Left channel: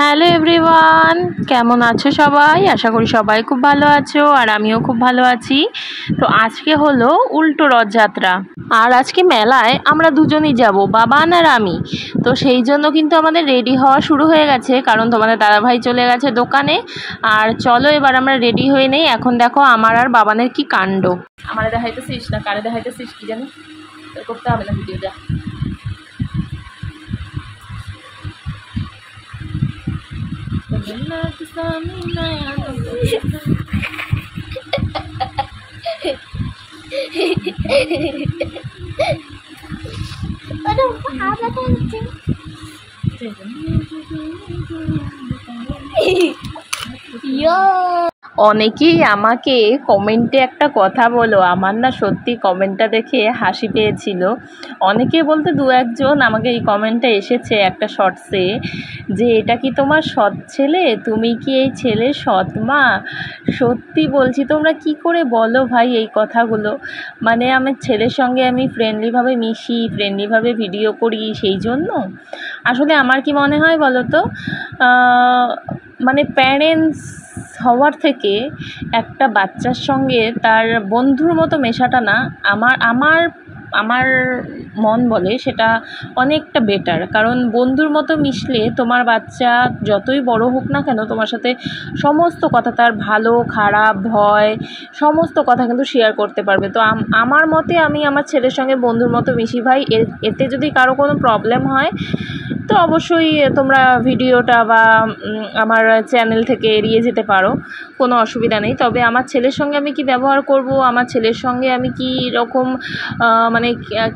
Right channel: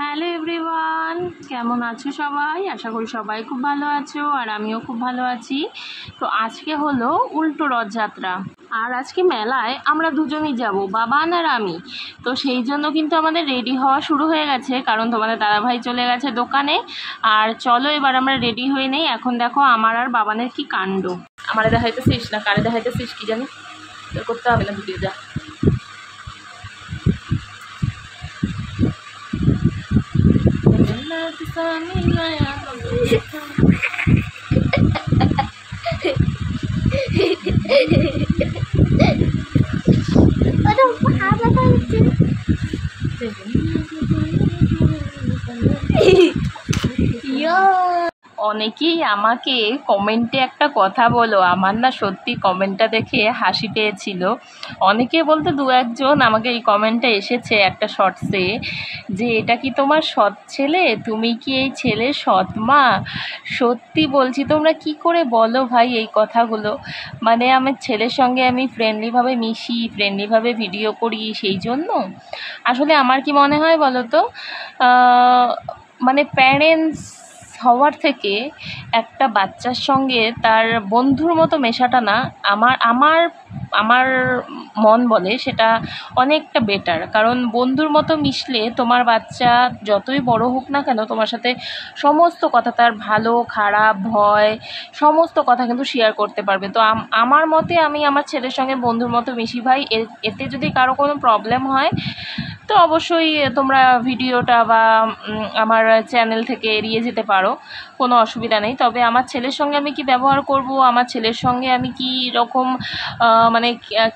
Hello everyone, কেমন আছো সবাই? আশা করি সবাই খুব ভালো আছো আর আমিও খুব ভালো আছি। তো আজকে হলো উল্টো রথযাত্রা আর আজকে মেলায় আমরা দুজনই যাব, বাবান আর আমি। তো সেই জন্য কিন্তু আমাদের রেডি হওয়া শুরু হয়ে গেছে, কারণ তোমাদের দাদাভাই চলে গেছে দোকানে। আর চলো এবার আমরা রেডি হয়ে নেই। এখন দেখো আমার আর বাবানের কি কাণ্ড। আমারে দেখাইতেছিস না কারে দেখাইতেছিস কি জানি, তোর করতে হবে না ভিডিও, যা। অনেকেই আমাকে কমেন্টে একটা কথা বলো, আমার না সত্যি কমেন্টটা দেখে হাসি পেয়েছিল। অনেকে বলতে দু একজন আমাকে এই কমেন্টটা এসেছে একটা শর্টসে, যে এটা কি তোমার সৎ ছেলে, তুমি কি এই ছেলের সৎ মা? সত্যি বলছি, তোমরা কি করে বলো ভাই এই কথাগুলো? মানে আমার ছেলের সঙ্গে আমি ফ্রেন্ডলিভাবে মিশি, ফ্রেন্ডলিভাবে ভিডিও করি, সেই জন্য আসলে আমার কি মনে হয় বলো তো, মানে প্যারেন্টস হওয়ার থেকে একটা বাচ্চার সঙ্গে তার বন্ধুর মতো মেশাটা না, আমার আমার আমার মন বলে সেটা অনেকটা বেটার। কারণ বন্ধুর মতো মিশলে তোমার বাচ্চা যতই বড় হোক না কেন, তোমার সাথে সমস্ত কথা, তার ভালো খারাপ ভয় সমস্ত কথা কিন্তু শেয়ার করতে পারবে। তো আমার মতে আমি আমার ছেলের সঙ্গে বন্ধুর মতো মিশি ভাই। এতে যদি কারো কোনো প্রবলেম হয় তো অবশ্যই তোমরা ভিডিওটা বা আমার চ্যানেল থেকে এড়িয়ে যেতে পারো, কোনো অসুবিধা নেই। তবে আমার ছেলের সঙ্গে আমি কি ব্যবহার করব, আমার ছেলের সঙ্গে আমি কি রকম মানে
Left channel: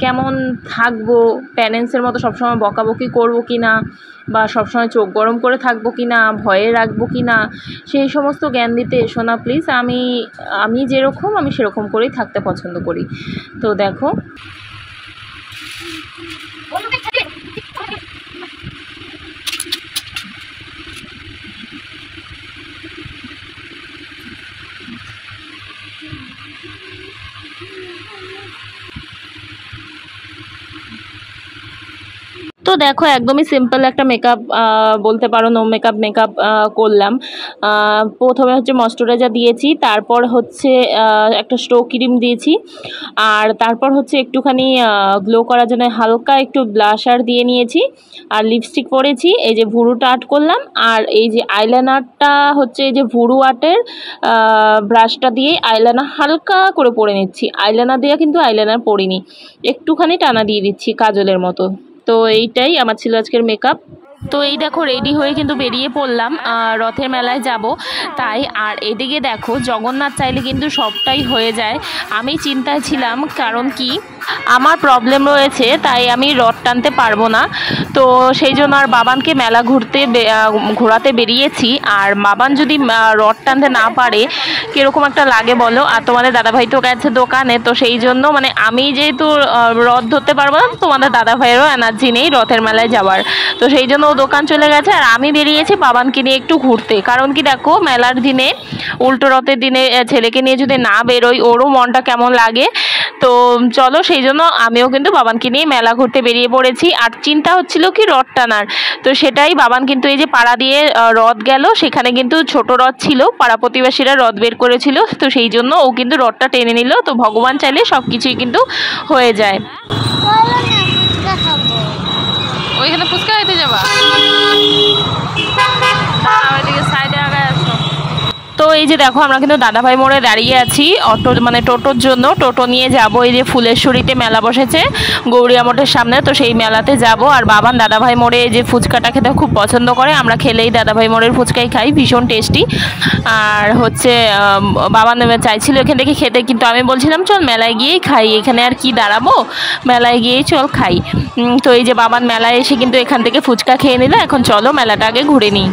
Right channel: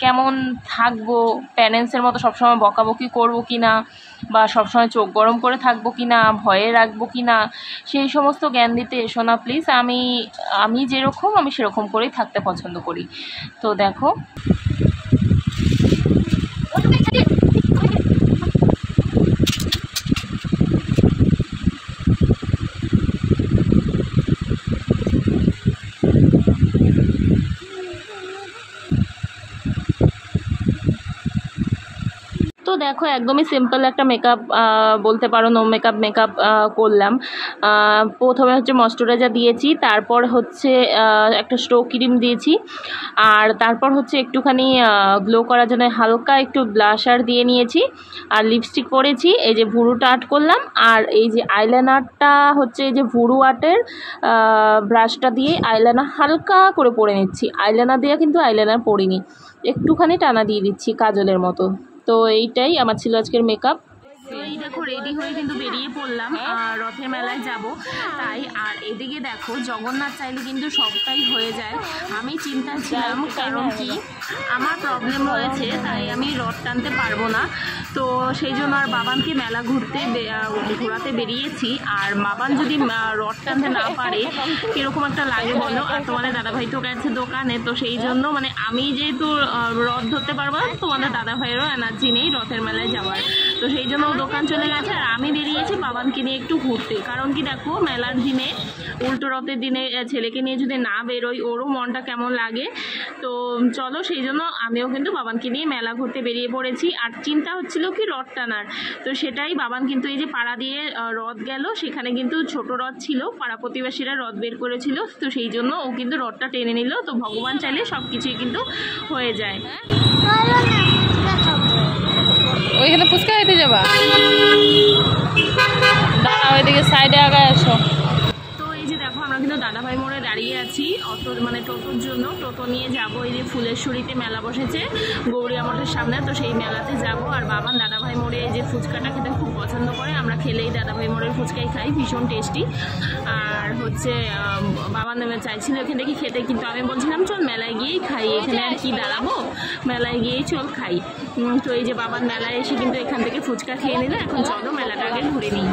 কেমন থাকবো, প্যারেন্টসের মতো সবসময় বকাবকি করবো কি না, বা সবসময় চোখ গরম করে থাকবো কি না, ভয়ে রাখবো কি না, সেই সমস্ত জ্ঞান দিতে এসো না প্লিজ। আমি যেরকম আমি সেরকম করেই থাকতে পছন্দ করি। তো দেখো তো দেখো একদমই সিম্পল একটা মেকআপ বলতে পারো, নো মেকআপ করলাম। প্রথমে হচ্ছে ময়শ্চারাইজার দিয়েছি, তারপর হচ্ছে একটা স্টো ক্রিম দিয়েছি, আর তারপর হচ্ছে একটুখানি গ্লো করার জন্য হালকা একটু ব্লাশার দিয়ে নিয়েছি, আর লিপস্টিক পরেছি। এই যে ভুরুটা আর্ট করলাম, আর এই যে আইলাইনারটা হচ্ছে এই যে ভুরু আর্টের ব্রাশটা দিয়ে আইলাইনার হালকা করে পরে নিচ্ছি। আইলাইনার দিয়ে কিন্তু আইলাইনার পরিনি, একটুখানি টানা দিয়ে দিচ্ছি কাজলের মতো। তো এইটাই আমার ছিল আজকের মেকআপ। তো এই দেখো রেডি হয়ে কিন্তু বেরিয়ে পড়লাম, রথের মেলায় যাব তাই। আর এদিকে দেখো জগন্নাথ চাইলে কিন্তু সবটাই হয়ে যায়। আমি চিন্তায় ছিলাম, কারণ কি আমার প্রবলেম রয়েছে, তাই আমি রথ টানতে পারবো না। তো সেই জন্য আর বাবানকে মেলা ঘোরাতে বেরিয়েছি। আর বাবান যদি রথ টানতে না পারে কীরকম একটা লাগে বলো। আর তোমাদের দাদাভাই তো গেছে দোকানে, তো সেই জন্য মানে আমি যেহেতু রথ ধরতে পারবো না, তোমাদের দাদাভাইয়েরও এনার্জি নেই রথের মেলায় যাওয়ার। তো সেই জন্য ও দোকান চলে গেছে, আর আমি বেরিয়েছি বাবানকে নিয়ে একটু ঘুরতে। কারণ কি দেখো মেলার দিনে, উল্টো রথের দিনে ছেলেকে নিয়ে যদি না বেরোই ওরও মনটা কেমন লাগে। তো চলো, সেই জন্য আমিও কিন্তু বাবানকে নিয়ে মেলা ঘুরতে বেরিয়ে পড়েছি। আর চিন্তা হচ্ছিল কি রথ টানার, তো সেটাই বাবান কিন্তু এই যে পাড়া দিয়ে রথ গেল, সেখানে কিন্তু ছোট রথ ছিল, পাড়া প্রতিবেশীরা রথ বের করেছিল, তো সেই জন্য ও কিন্তু রথটা টেনে নিল। তো ভগবান চাইলে সব কিছুই কিন্তু হয়ে যায়। ওইখানে ফুচকা খেতে যাবা, ওইদিকে সাইডে আগায় আসো। তো এই যে দেখো আমরা কিন্তু দাদাভাই মোড়ে দাঁড়িয়ে আছি অটো মানে টোটোর জন্য। টোটো নিয়ে যাব, এই যে ফুলেশ্বরীতে মেলা বসেছে গৌরিয়া মোড়ের সামনে, তো সেই মেলাতে যাব। আর বাবান দাদাভাই মোড়ে এই যে ফুচকাটা খেতে খুব পছন্দ করে, আমরা খেলেই দাদাভাই মোড়ের ফুচকাই খাই, ভীষণ টেস্টি। আর হচ্ছে বাবান চাইছিল এখান থেকে খেতে, কিন্তু আমি বলছিলাম চল মেলায় গিয়েই খাই, এখানে আর কি দাঁড়াবো, মেলায় গিয়েই চল খাই। তো এই যে বাবান মেলায় এসে কিন্তু এখান থেকে ফুচকা খেয়ে নিল। এখন চলো মেলাটা আগে ঘুরে নিই।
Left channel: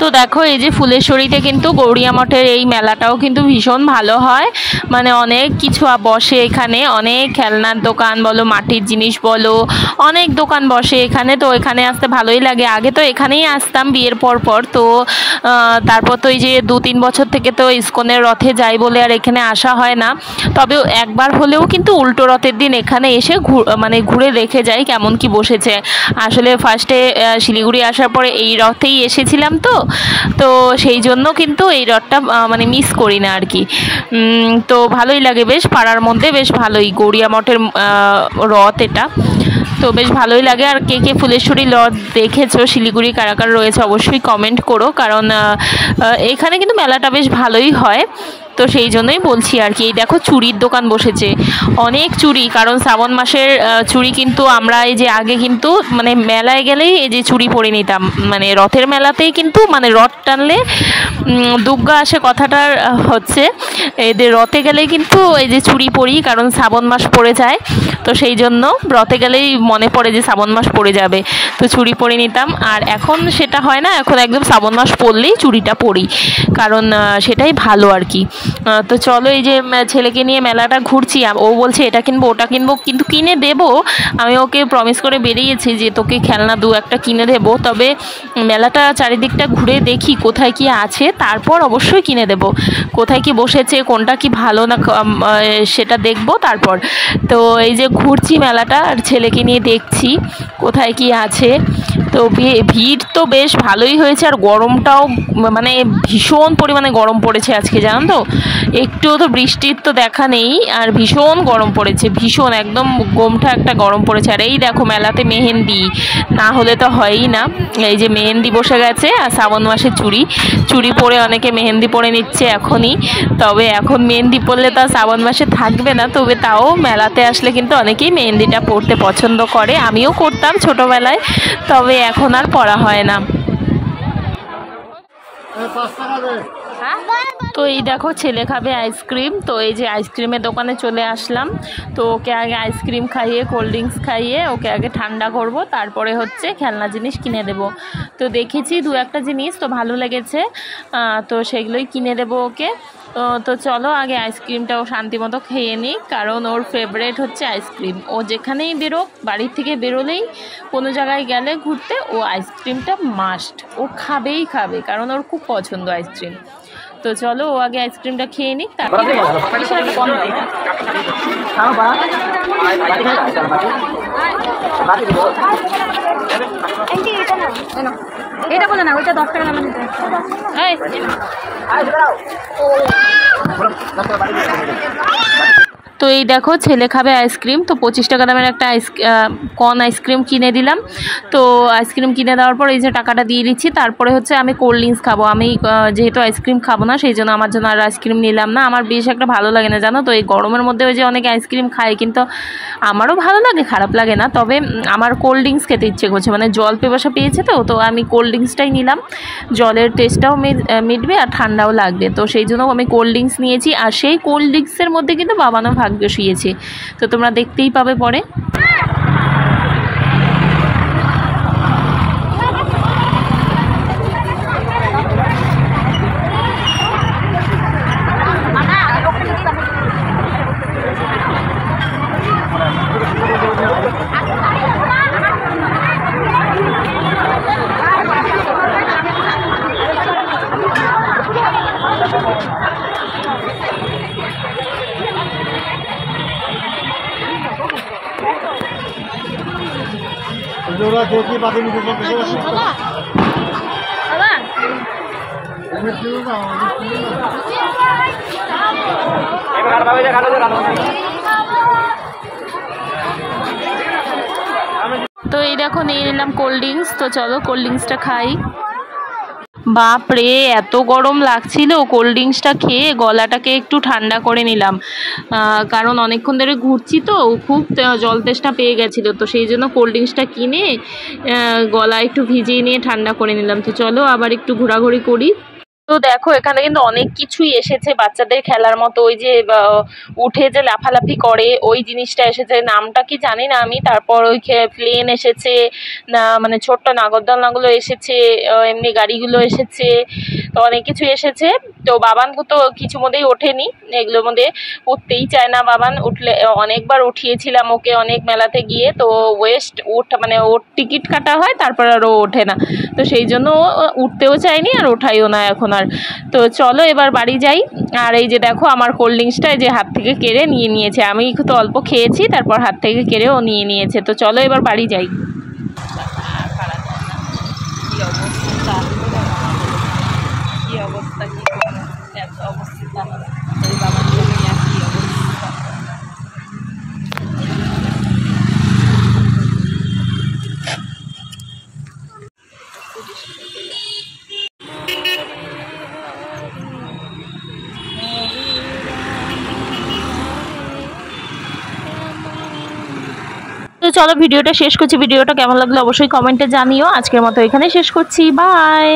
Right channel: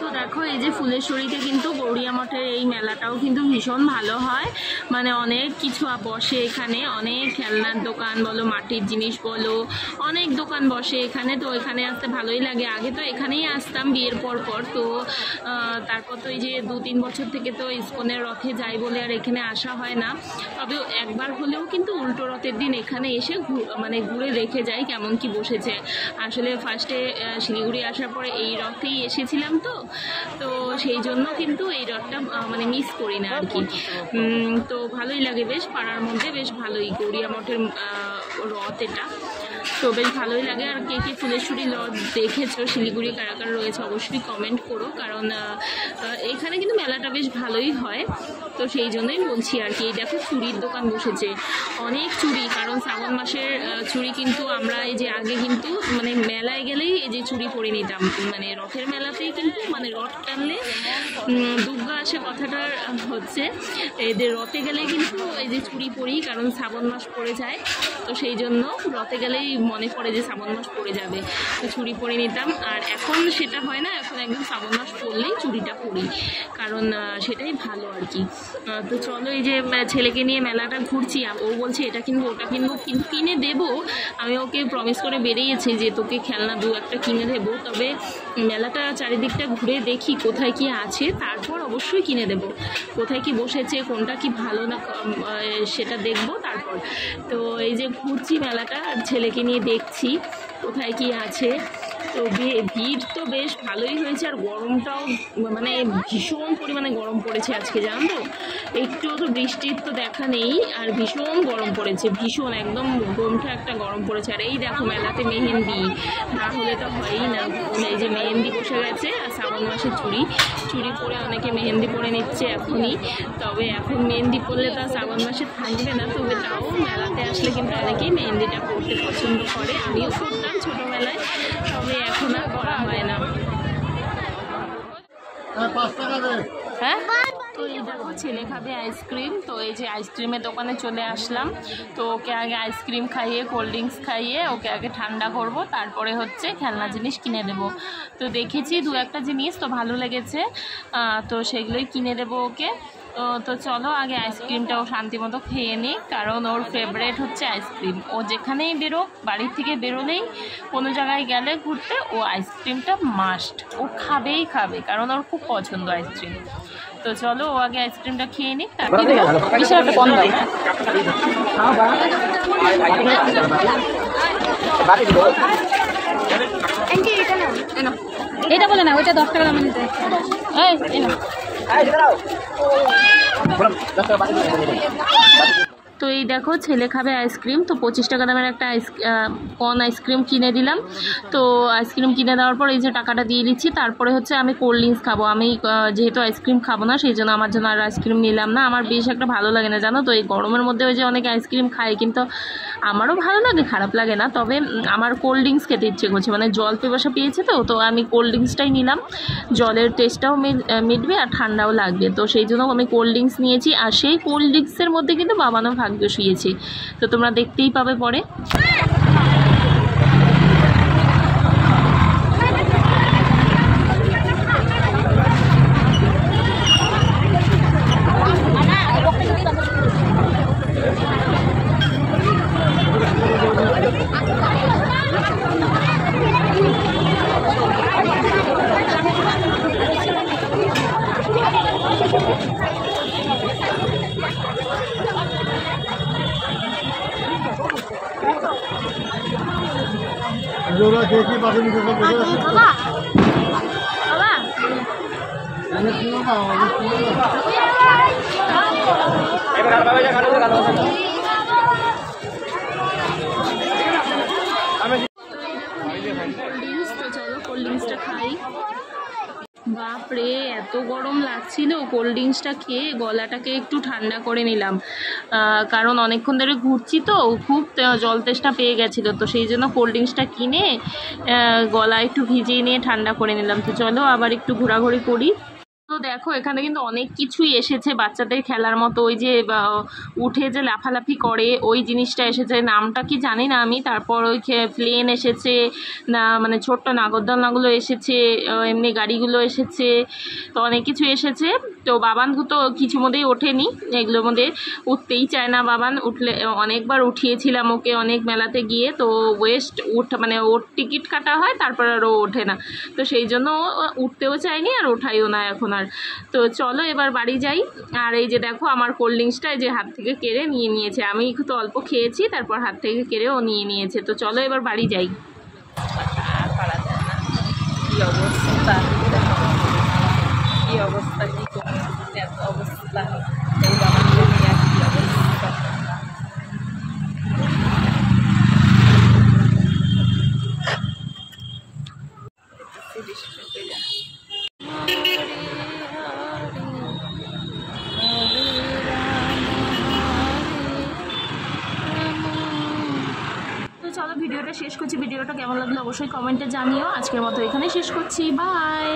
তো দেখো এই যে ফুলেশ্বরীতে কিন্তু গৌরিয়া মঠের এই মেলাটাও কিন্তু ভীষণ ভালো হয়, মানে অনেক কিছু বসে এখানে, অনেক খেলনার দোকান বলো, মাটির জিনিস বলো, অনেক দোকান বসে এখানে। তো এখানে আসতে ভালোই লাগে। আগে তো এখানেই আসতাম বিয়ের পর পর, তো তারপর তো এই যে 2-3 বছর থেকে তো ইস্কনের রথে যাই বলে আর এখানে আসা হয় না। তবে একবার হলেও কিন্তু উল্টো রথের দিন এখানে এসে মানে ঘুরে দেখে যাই কেমন কি বসেছে। আসলে ফার্স্টে শিলিগুড়ি আসার পরে এই রথেই এসেছিলাম, তো সেই জন্য কিন্তু এই রথটা মানে মিস করি না আর কি। তো ভালোই লাগে, বেশ পাড়ার মধ্যে বেশ ভালোই গৌরিয়া মঠের রথ এটা, তো বেশ ভালোই লাগে। আর কে কে ফুলেশ্বরী রথ দেখেছো, শিলিগুড়ি কারা কারা রয়েছে অবশ্যই কমেন্ট করো, কারণ এখানে কিন্তু মেলাটা বেশ ভালোই হয়। তো সেই জন্যই বলছি আর কি। এই দেখো চুড়ির দোকান বসেছে, অনেক চুড়ি, কারণ শ্রাবণ মাসের চুড়ি কিন্তু আমরা এই যে আগে কিন্তু মানে মেলায় গেলেই এই যে চুড়ি পরে নিতাম, মানে রথের মেলাতেই কিন্তু মানে রথ টানলে দুর্গা আসে কথাটার হচ্ছে, এদের রথে গেলেই কিন্তু এই যে চুড়ি পরি, কারণ শ্রাবণ মাস পড়ে যায়। তো সেই জন্য রথে গেলেই মনে পড়ে যে শ্রাবণ মাস পড়ে যাবে, তো চুড়ি পরে নিতাম। আর এখন সেটা হয় না, এখন একদম শ্রাবণ মাস পড়লেই চুড়িটা পরি, কারণ সেটাই ভালো আর কি। তো চলো এই যে ছেলেকে নিয়ে মেলাটা ঘুরছি, ও বলছে এটা কিনবো ওটা কিনবো, কিন্তু কিনে দেবো। আমি ওকে প্রমিস করে বেরিয়েছি যে তোকে খেলনা 2-1টা কিনে দেবো, তবে মেলাটা চারিদিকটা ঘুরে দেখি কোথায় কি আছে, তারপর অবশ্যই কিনে দেবো। কোথায় কি বসেছে, কোনটা কি ভালো না সেটা দেখবো তারপর। তো এই যে ঘুরছি মেলাটা আর ছেলেকে নিয়ে দেখছি কোথায় কি আছে। তো ভিড় তো বেশ ভালোই হয়েছে, আর গরমটাও মানে ভীষণ পরিমাণে গরম পড়েছে আজকে, জানো তো, একটুও তো বৃষ্টির তো দেখা নেই, আর ভীষণ গরম পড়েছে, ভীষণ একদম গোমঠা একটা গরম পড়েছে। আর এই দেখো মেলাতে মেহেন্দি না হলে তো হয়ই না, এই যে মেহেন্দি বসে গেছে, আর শ্রাবণ মাসে চুড়ি পরে অনেকে মেহেন্দি পরে নিচ্ছে এখনই। তবে এখন মেহেন্দি পরলে তো শ্রাবণ মাসে থাকবে না, তবে তাও মেলাতে আসলে কিন্তু অনেকেই মেহেন্দিটা পরতে পছন্দ করে, আমিও করতাম ছোটোবেলায়, তবে এখন আর পরা হয় না। হ্যাঁ, তো এই দেখো ছেলে খাবে আইসক্রিম, তো এই যে আইসক্রিমের দোকানে চলে আসলাম। তো ওকে আগে আইসক্রিম খাইয়ে কোল্ড ড্রিঙ্কস খাইয়ে ওকে আগে ঠান্ডা করব, তারপরে হচ্ছে খেলনা জিনিস কিনে দেব। তো দেখেছি 2-1টা জিনিস তো ভালো লেগেছে, তো সেগুলোই কিনে দেবো ওকে। তো চলো আগে আইসক্রিমটা ও শান্তি মতো খেয়ে নিই, কারণ ওর ফেভারেট হচ্ছে আইসক্রিম। ও যেখানেই বেরোক, বাড়ির থেকে বেরোলেই কোনো জায়গায় গেলে ঘুরতে, ও আইসক্রিমটা মাস্ট, ও খাবেই খাবে, কারণ ওর খুব পছন্দ আইসক্রিম। তো চলো ও আগে আইসক্রিমটা খেয়ে নিক, তারপর এটা বলে না, ওইটা 10 টাকা দামে নিতে। তো এই দেখো ছেলে খাবে আইসক্রিম, তো 25 টাকা দামের একটা কর্ন আইসক্রিম কিনে দিলাম। তো আইসক্রিম কিনে দেওয়ার পর এই যে টাকাটা দিয়ে দিচ্ছি, তারপরে হচ্ছে আমি কোল্ড ড্রিঙ্কস খাবো। আমি যেহেতু আইসক্রিম খাবো না, সেই জন্য আমার জন্য আর আইসক্রিম নিলাম না। আমার বেশ একটা ভালো লাগে না, জানো তো, এই গরমের মধ্যে ওই যে অনেকে আইসক্রিম খায়, কিন্তু আমারও ভালো লাগে, খারাপ লাগে না, তবে আমার কোল্ড ড্রিঙ্কস খেতে ইচ্ছে করছে, মানে জল পেপাসা পেয়েছে, তো আমি কোল্ড ড্রিঙ্কসটাই নিলাম। জলের টেস্টটাও মিটবে আর ঠান্ডাও লাগবে, তো সেই জন্য আমি কোল্ড ড্রিঙ্কস নিয়েছি। আর সেই কোল্ড ড্রিঙ্কসের মধ্যে কিন্তু বাবানো ভাগ্য শুয়েছে, তো তোমরা দেখতেই পাবে পরে। তো এই দেখো নিয়ে নিলাম কোল্ড ড্রিঙ্কস, তো চলো কোল্ড ড্রিঙ্কসটা খাই। বাপরে এত গরম লাগছিল, কোল্ড ড্রিঙ্কসটা খেয়ে গলাটাকে একটু ঠান্ডা করে নিলাম, কারণ অনেকক্ষণ ধরে ঘুরছি তো, খুব জল তেষ্টা পেয়ে গেছিলো, তো সেই জন্য কোল্ড ড্রিঙ্কসটা কিনে গলা একটু ভিজিয়ে নিয়ে ঠান্ডা করে নিলাম। তো চলো আবার একটু ঘোরাঘুরি করি। তো দেখো এখানে কিন্তু অনেক কিছুই এসেছে বাচ্চাদের খেলার মতো, ওই যে উঠে যে লাফালাফি করে ওই জিনিসটা এসেছে, নামটা কি জানি না আমি। তারপর ওই প্লেন এসেছে, না মানে ছোট্ট নাগরদোলনাগুলো এসেছে, এমনি গাড়িগুলো এসেছে, তো অনেক কিছু এসেছে। তো বাবান তো কিছু মধ্যেই ওঠেনি, এগুলোর মধ্যে উঠতেই চায় না বাবান। উঠলে অনেকবার উঠিয়েছিলাম ওকে অনেক মেলাতে গিয়ে, তো মানে ওর টিকিট কাটা হয় তারপর আর ও ওঠে না, তো সেই জন্য ও উঠতেও চায়নি আর ওঠাইও না এখন আর। তো চলো এবার বাড়ি যাই। আর এই যে দেখো আমার কোল্ড ড্রিঙ্কসটা যে হাত থেকে কেড়ে নিয়ে নিয়েছে, আমি তো অল্প খেয়েছি, তারপর হাত থেকে কেড়ে ও নিয়ে নিয়েছে। তো চলো এবার বাড়ি যাই। কি অবস্থা, কি অবস্থা, কি এত অবস্থা। তো চলো ভিডিওটা শেষ করছি, ভিডিওটা কেমন লাগলো অবশ্যই কমেন্টে জানিও। আজকের মতো এখানেই শেষ করছি, বাই।